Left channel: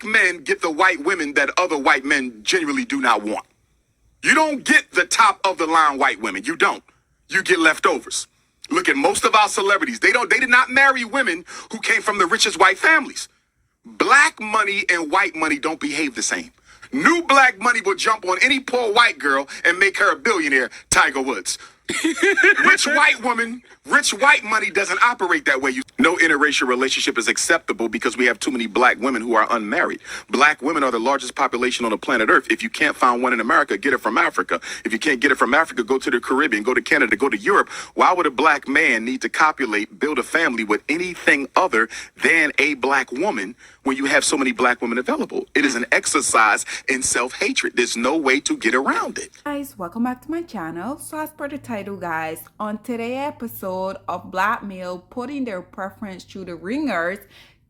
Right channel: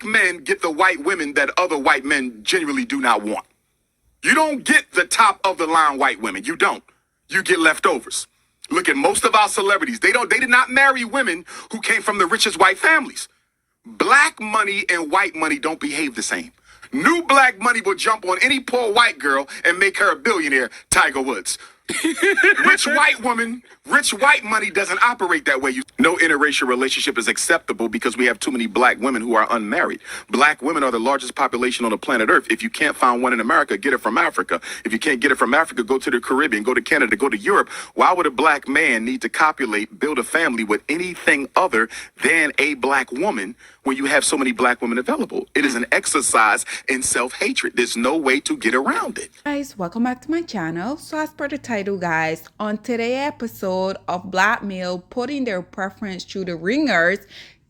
Black men get the white women that other white men genuinely do not want. You don't get the top of the line white women. You don't. You get leftovers. Look at most of our celebrities. They did not marry women who came from the richest white families. Black money and white money don't behave the same. New black money will jump on any poor white girl and make her a billionaire, Tiger Woods. Rich white money doesn't operate that way. No interracial relationship is acceptable because we have too many black women who are unmarried. Black women are the largest population on the planet Earth. If you can't find one in America, get it from Africa. If you can't get it from Africa, go to the Caribbean, go to Canada, go to Europe. Why would a black man need to copulate, build a family with anything other than a black woman when you have so many black women available? It is an exercise in self-hatred. There's no way to get around it. Guys, welcome back to my channel. So as per the title, guys, on today's episode of Black Male Putting Their Preference Through the Ringers,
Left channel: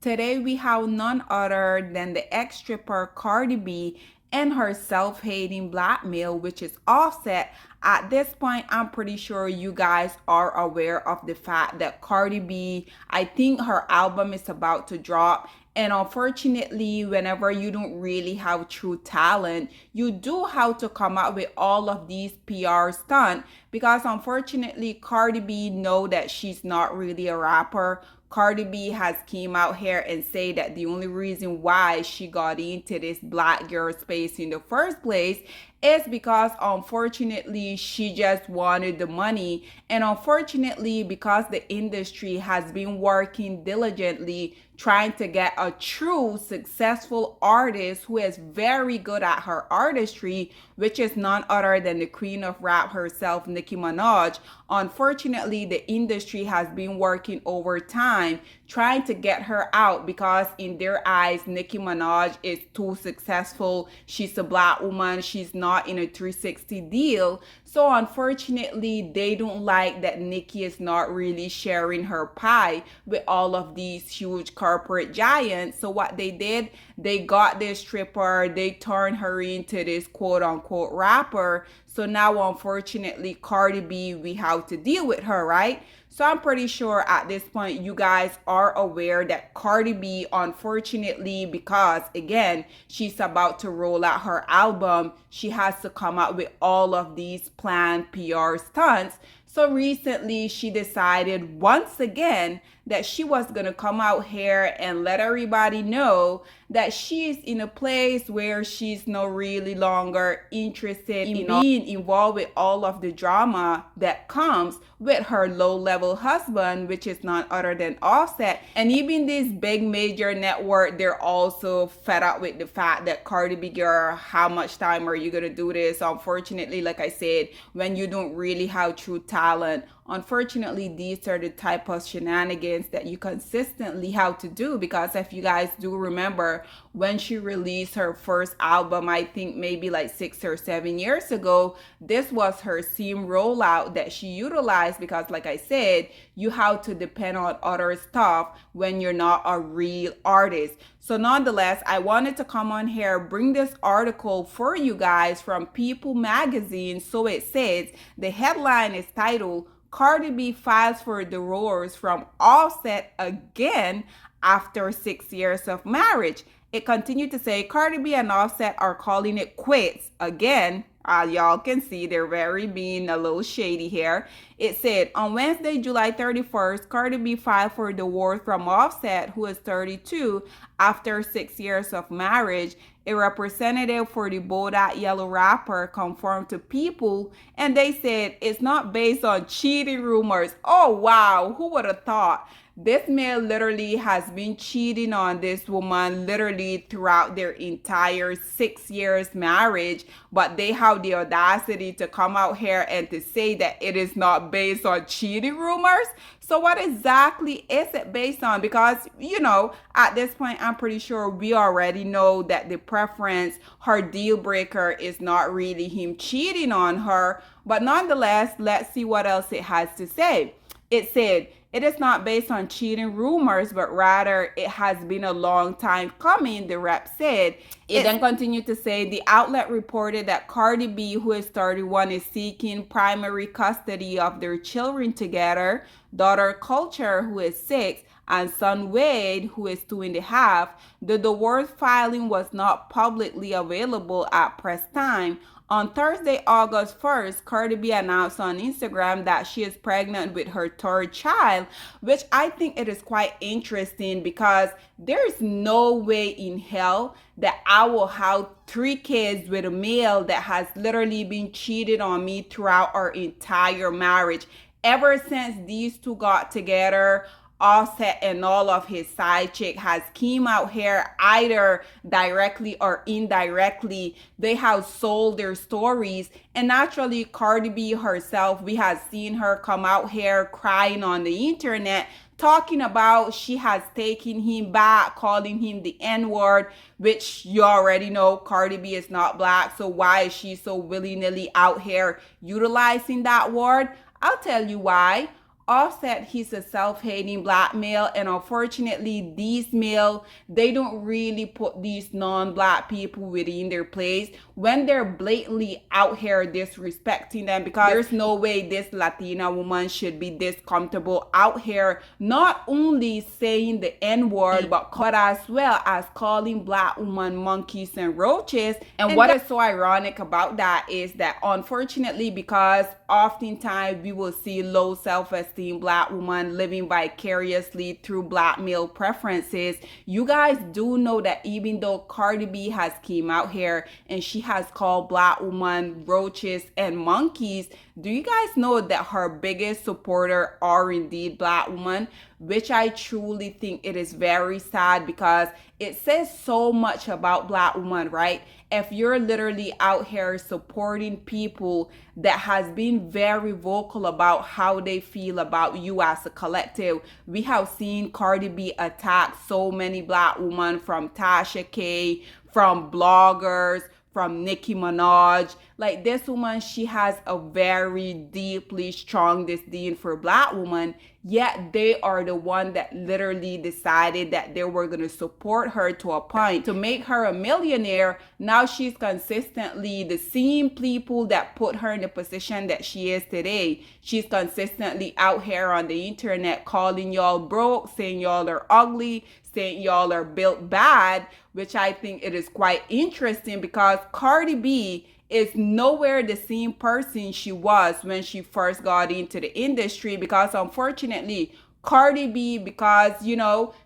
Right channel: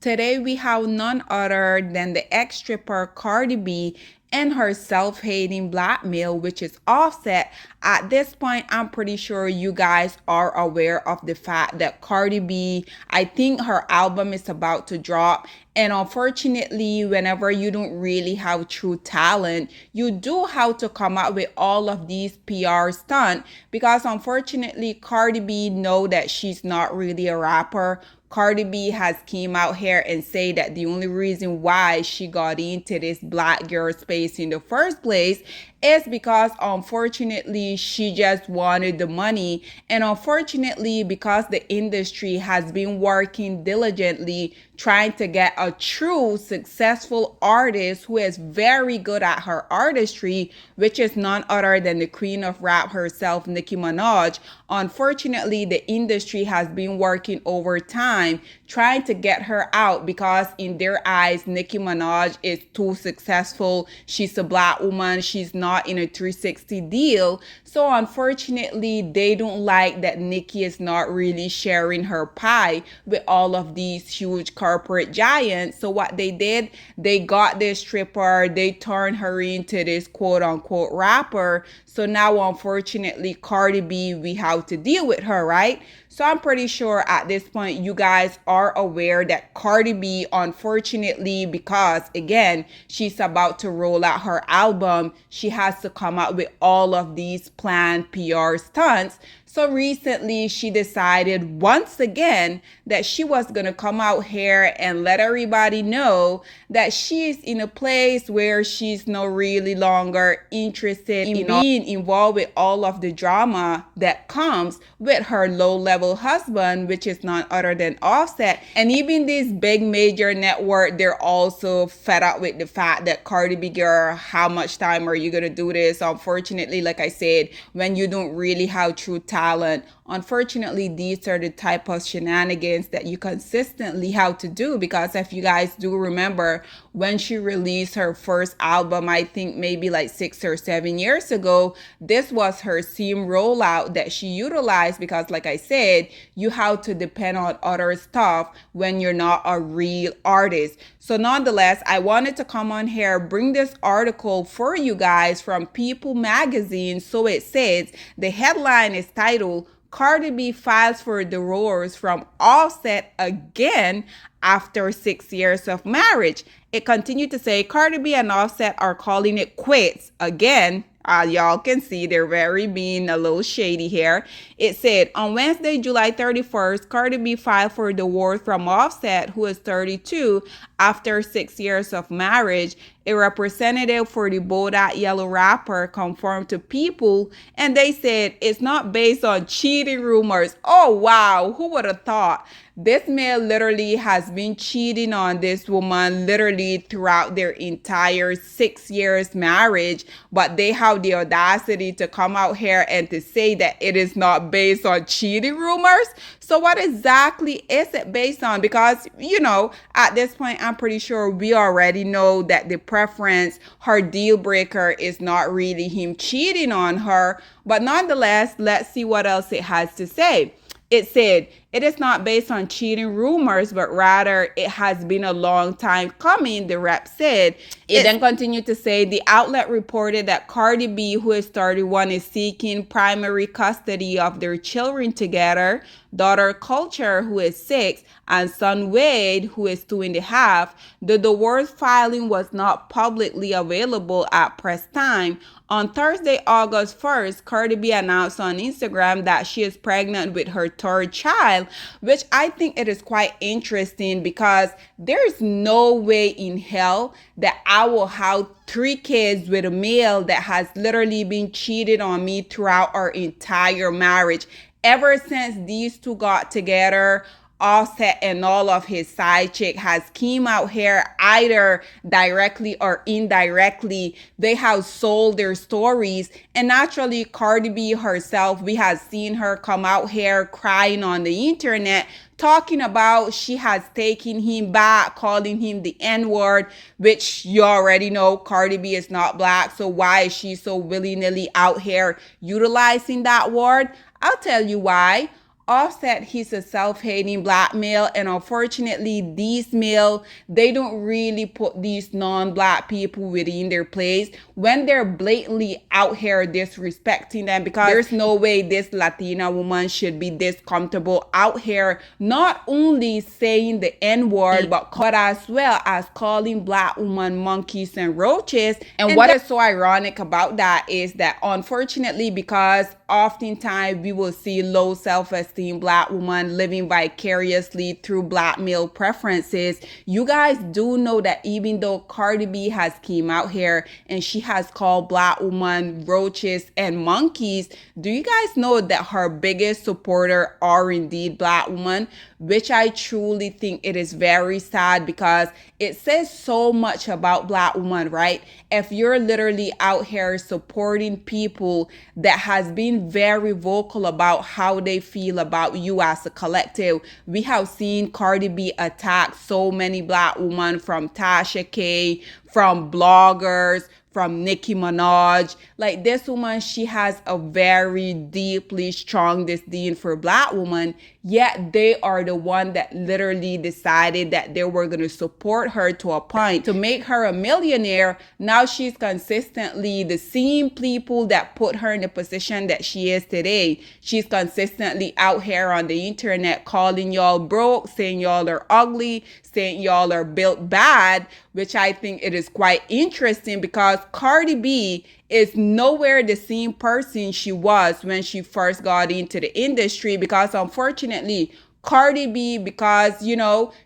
today we have none other than the ex-stripper Cardi B and her self-hating black male, which is Offset. At this point, I'm pretty sure you guys are aware of the fact that Cardi B, I think her album is about to drop. And unfortunately, whenever you don't really have true talent, you do have to come up with all of these PR stunts, because unfortunately, Cardi B know that she's not really a rapper. Cardi B has came out here and say that the only reason why she got into this black girl space in the first place is because unfortunately she just wanted the money, and unfortunately because the industry has been working diligently trying to get a true successful artist who is very good at her artistry, which is none other than the queen of rap herself, Nicki Minaj. Unfortunately, the industry has been working overtime trying to get her out because in their eyes, Nicki Minaj is too successful. She's a black woman. She's not in a 360 deal. So unfortunately, they don't like that Nicki is not really sharing her pie with all of these huge corporate giants. So what they did, they got this stripper, they turned her into this quote unquote rapper. So now, unfortunately, Cardi B, we have to deal with her, right? So I'm pretty sure at this point, you guys are aware that Cardi B, unfortunately, because again, she's about to roll out her album, she has to come out with all of these planned PR stunts. So recently, she decided once again that she was going to come out here and let everybody know that she's in a place where she's no really longer interested in being involved with all of the drama that comes with her low-level husband, which is none other than Offset. And even this big major network, they're also fed up with the fact that Cardi B, girl, how much time are you going to do this? Unfortunately, like I said, when you don't really have true talent, unfortunately, these are the type of shenanigans that you consistently have to do. Because if you guys do remember, when she released her first album, I think maybe like 6 or 7 years ago, this was her theme rollout that she utilized because, like I said, you have to depend on other stuff when you're not a real artist. So nonetheless, I wanted to come on here, bring this article for you guys from People magazine. So it says, the headline is titled, Cardi B files for divorce from Offset again after 6 years of marriage. It continued to say Cardi B and Offset are calling it quits again. Y'all can see they're very being a little shady here. It said on Wednesday, July 31st, Cardi B filed for divorce from Offset, who is 32, after 6 years of marriage. A representative for the Bodak Yellow rapper confirmed to People, and they said it's not based on cheating rumors. Oh wow, who would have thought? This man literally has been cheating on this woman literally throughout their entire 6 years marriage, but they have the audacity to come out here and to say that it is not based on cheating rumors. So what exactly is it based on? Because, you know, at this point, I'm pretty sure we already know that the preference, her deal breaker is not really him cheating on her. But nonetheless, let's see what else it has to say. It said, It is not based on cheating rumors, but rather it has been a long time coming, the rep said. It then continued to say the outlet reported that Cardi B, who is 31, is seeking primary custody of their children together, daughter Culture, who is 6, and son Wade, who is 2.5. The divorce filing was not publicly available at press time. On Thursday, August 1st, Cardi B announced on Instagram that she is pregnant with her third child, which I think it is quite interesting because there's no way in hell that I will have 3 kids with a male that has literally been cheated on me throughout our entire marriage. Ever since these two got together, Offset and all of his side chick has came out here either directly or indirectly. They have sold their stories, and naturally Cardi B herself, we have seen her come out here crying on the internet, talking about she has taken him back, calling him the N-word, which you already know Cardi B is not black, so why is she so willy-nilly out here utilizing that word? I'll tell you why. Offset, he's a self-hating black male, and unfortunately these male, they don't really put these non-black people within their place when they're blatantly out here disrespecting them, because there's no way this Latina woman should be this comfortable out here not only saying the N-word but as well as calling black women monkeys and roaches. And what is so ironic about that is that unfortunately, because oftentimes we will see low self-esteem black woman living vicariously through black male preferences, you guys do know that even though Cardi B has came out here and she has called black women roaches and monkeys, do you guys know that her biggest supporter are indeed black women? Which I truly think it is very sad, because it says so much about black women, right? If you're literally out here supporting people that has been very vocal about how they feel about you as a collective. We have seen Cardi B attack so many black women, from Tasha K, from bloggers, from Nicki Minaj. Like, this woman, she has a very deeply strong disdain for black women, yet they are the one that literally decided that they were going to support her to a point to make her a millionaire. Now she's consistently the same people that put her in the position that she is today. She's consistently out here on the internet calling y'all broke, saying y'all are ugly, saying y'all are built bad, which I think it is quite interesting, because Cardi B is nowhere the same person she was when she first got into the industry, because unfortunately Cardi B, because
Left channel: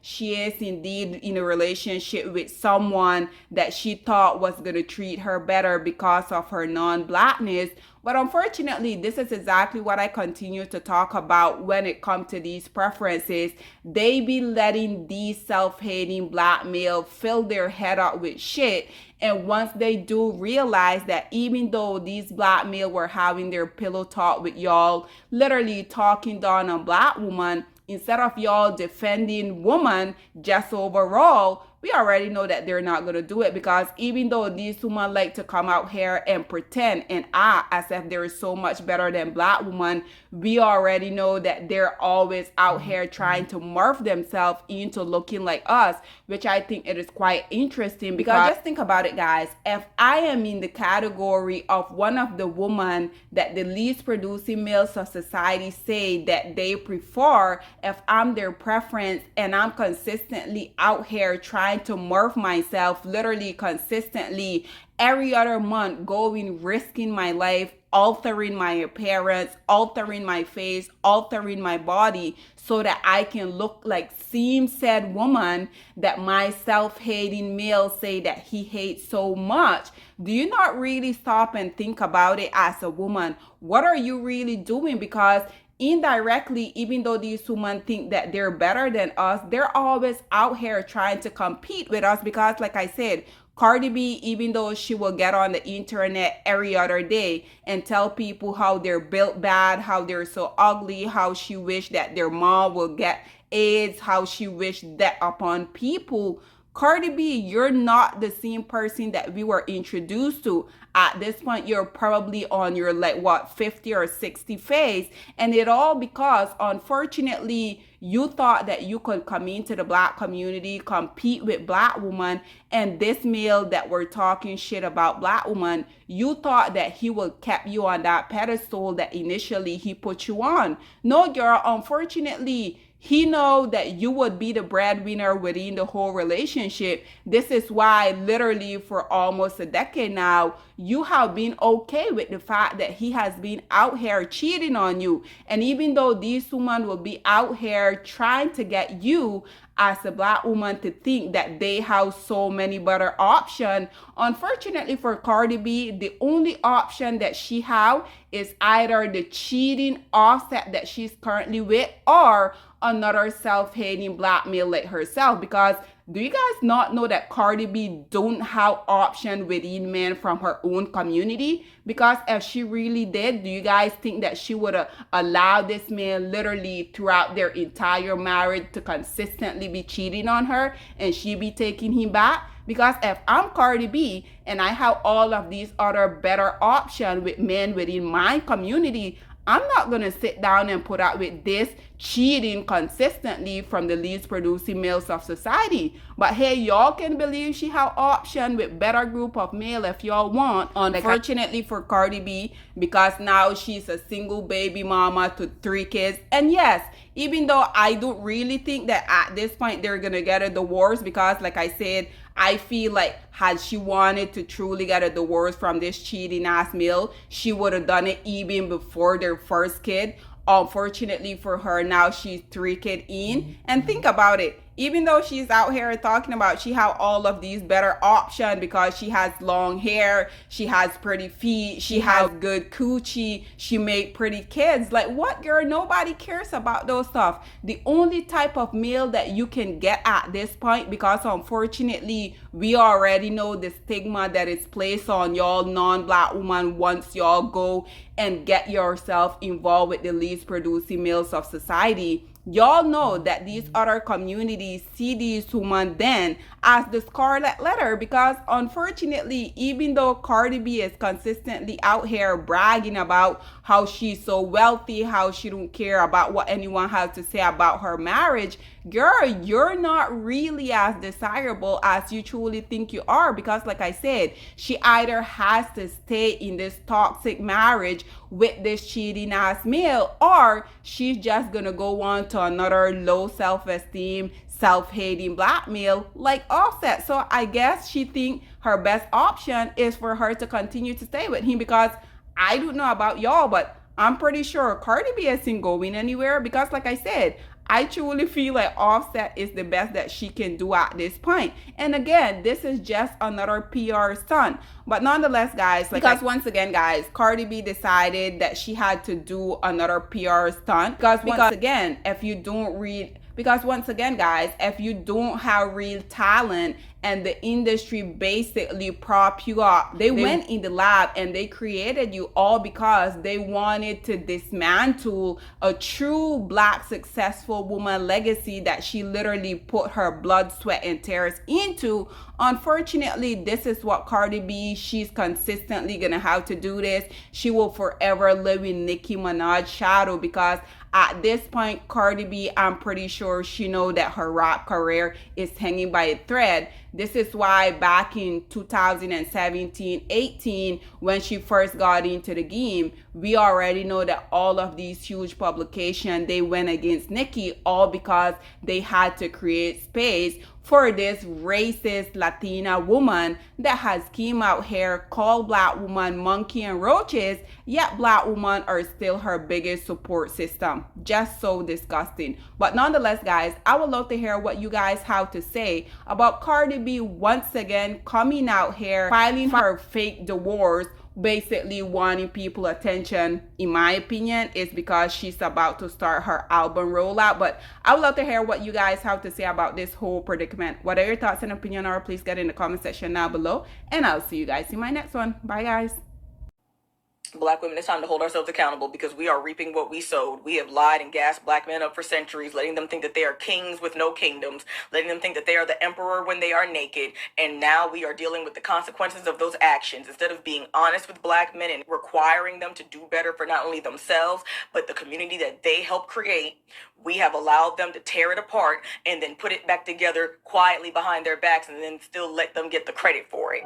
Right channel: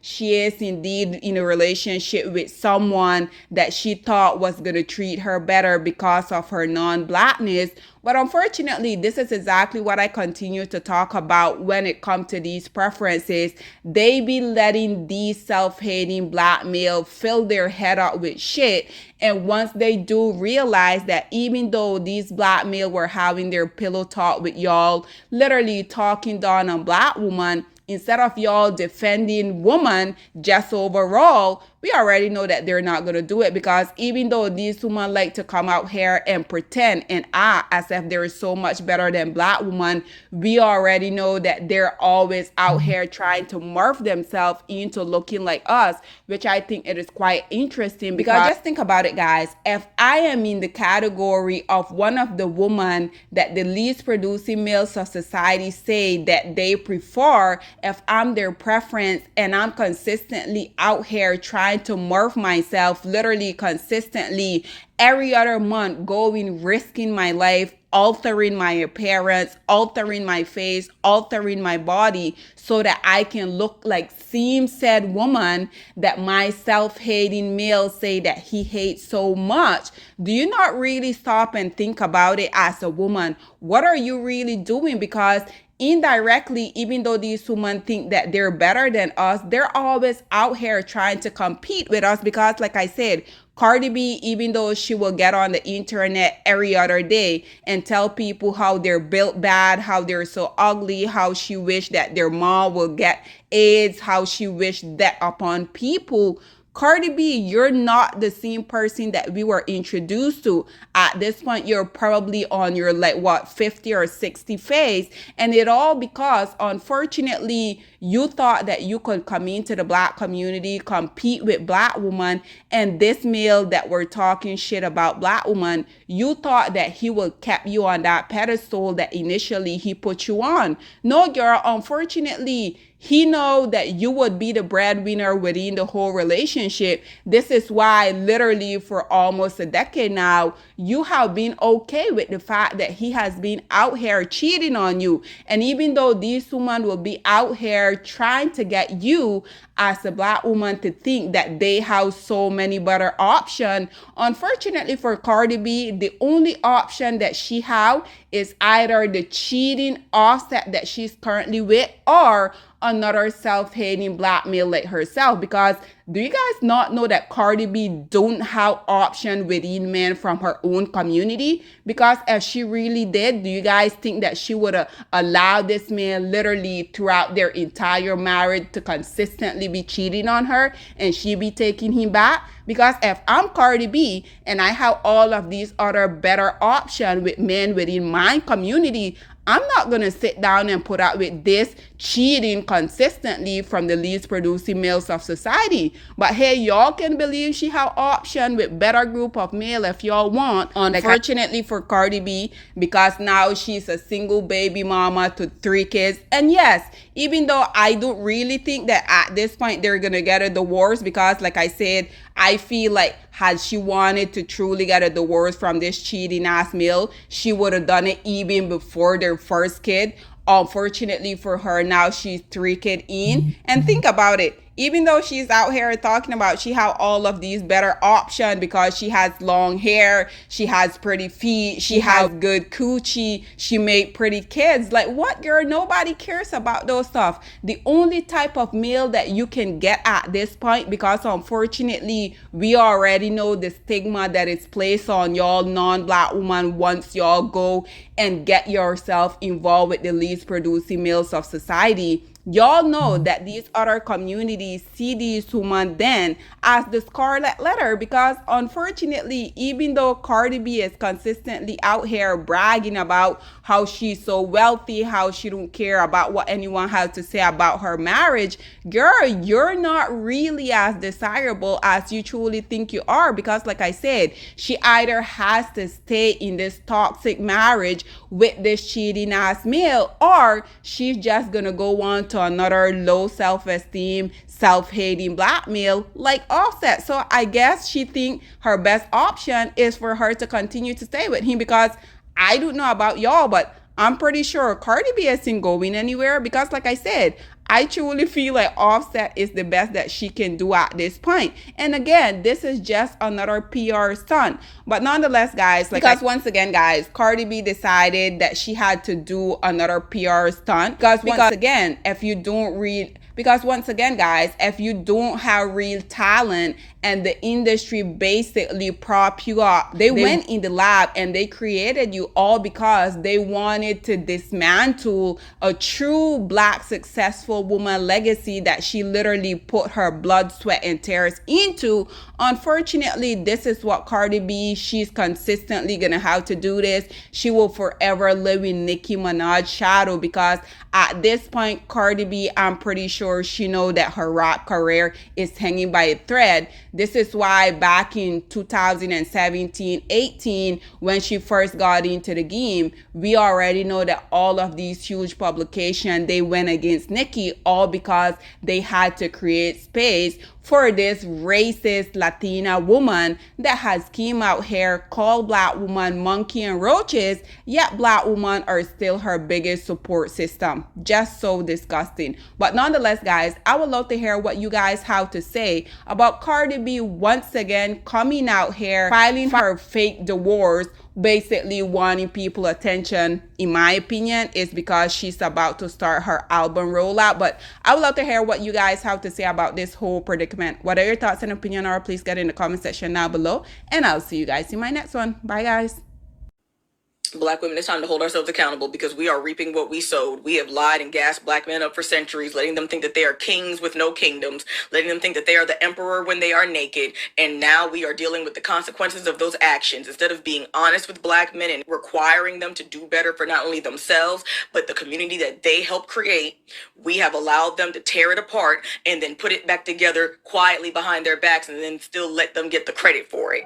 she is indeed in a relationship with someone that she thought was going to treat her better because of her non-blackness. But unfortunately, this is exactly what I continue to talk about when it comes to these preferences. They be letting these self-hating black males fill their head up with shit. And once they do realize that even though these black males were having their pillow talk with y'all, literally talking down on black woman, instead of y'all defending woman just overall, we already know that they're not going to do it, because even though these women like to come out here and pretend and act as if they're so much better than black women, we already know that they're always out here trying to morph themselves into looking like us, which I think it is quite interesting. Because just think about it, guys. If I am in the category of one of the women that the least producing males of society say that they prefer, if I'm their preference and I'm consistently out here trying to morph myself, literally consistently every other month, going, risking my life, altering my appearance, altering my face, altering my body so that I can look like same said woman that my self-hating male say that he hates so much. Do you not really stop and think about it as a woman? What are you really doing? Because indirectly, even though these women think that they're better than us, they're always out here trying to compete with us, because like I said, Cardi B, even though she will get on the internet every other day and tell people how they're built bad, how they're so ugly, how she wish that their mom will get AIDS, how she wished that upon people, Cardi B, you're not the same person that we were introduced to. At this point, you're probably on your 50 or 60 phase. And it all because, unfortunately, you thought that you could come into the black community, compete with black women, and this male that were talking shit about black women, you thought that he would keep you on that pedestal that initially he put you on. No, girl, unfortunately, he know that you would be the breadwinner within the whole relationship. This is why literally for almost a decade now, you have been okay with the fact that he has been out here cheating on you. And even though these women will be out here trying to get you as a black woman to think that they have so many better options, unfortunately for Cardi B, the only option that she have is either the cheating Offset that she's currently with or another self-hating black male like herself. Because do you guys not know that Cardi B don't have option within men from her own community? Because if she really did, do you guys think that she would have allowed this man literally throughout their entire marriage to consistently be cheating on her and she be taking him back? Because if I'm Cardi B and I have all of these other better options with men within my community, I'm not going to sit down and put up with this cheating consistently from the least producing males of society. But hey, y'all can believe she have option with better group of male if y'all want. Unfortunately for Cardi B, because now she's a single baby mama to 3 kids. And yes, even though I don't really think that at this point they're going to get a divorce, because like I said, I feel like had she wanted to truly get a divorce from this cheating ass male, she would have done it even before their first kid. Unfortunately for her, now she's 3 kids in. And think about it. Even though she's out here talking about she have all of these better options because she has long hair, she has pretty feet, she has good coochie, she made pretty kids. Like what, girl? Nobody cares about those stuff. The only type of male that you can get at this point, because unfortunately we already know the stigma that is placed on y'all non-black woman once y'all go and get yourself involved with the least producing males of society. Y'all know that these other communities see these women then as the scarlet letter, because unfortunately, even though Cardi B is consistently out here bragging about how she's so wealthy, how she don't care about what anyone has to say about her marriage, girl, you're not really as desirable as you truly think you are. Because like I said, she either has to stay in this toxic marriage with this cheating ass male, or she's just gonna go on to another low self-esteem, self-hating black male like Offset. So I guess she think her best option is for her to continue to stay with him, because I don't know about y'all, but I'm pretty sure Cardi B isn't going anywhere, because like I said, I truly feel like Offset is the best that she can do at this point. And again, this is just another PR stunt. But nonetheless, guys, because once again, guys, Cardi B decided that she had to do another PR stunt. Because once again, if you don't read... Because once again, guys, if you don't have real talent and the industry basically prop you up, they went in the lab and they created you all because they wanted to dismantle a true black successful woman legacy that she literally put her blood, sweat, and tears into. Unfortunately, this is what Cardi B, she's consistently gonna have to do this. She will forever live in Nicki Minaj's shadow, because at this point, Cardi B, I'm pretty sure she know that her rap career is hanging by a thread. This is why back in 2017-18, when she first got into the game, we already know that all of these huge publications, they went against Nicki, all because they had to create space for this racist Latina woman that has came out here, called black woman monkey and roaches, yet black women are still her biggest support system. Just so disgusting. But nonetheless, guys, I would love to hear what you guys have to say about Cardi B once again coming out here, filing her fake divorce, basically wanting people attention. In my opinion, is because she's about to start her album rollout. But I would love to hear what you guys have to say about this whole predicament. What are your thoughts and opinion are? Please get in the comment section down below, and I'll see you guys in my next one. Bye, guys. Black women, it's time to hold ourselves accountable because we are reaping what we sowed. We have lied and gassed black men up for centuries, letting them think that they are kings with no kingdoms, letting them think that they are the emperor when they are naked. And now we are dealing with the consequences of those actions. Instead of being honest with black men and requiring them to do better for not only themselves, but the community that they helped create, we have allowed them to tear it apart and then put it back together quietly behind their backs and then still let them get the credit for it.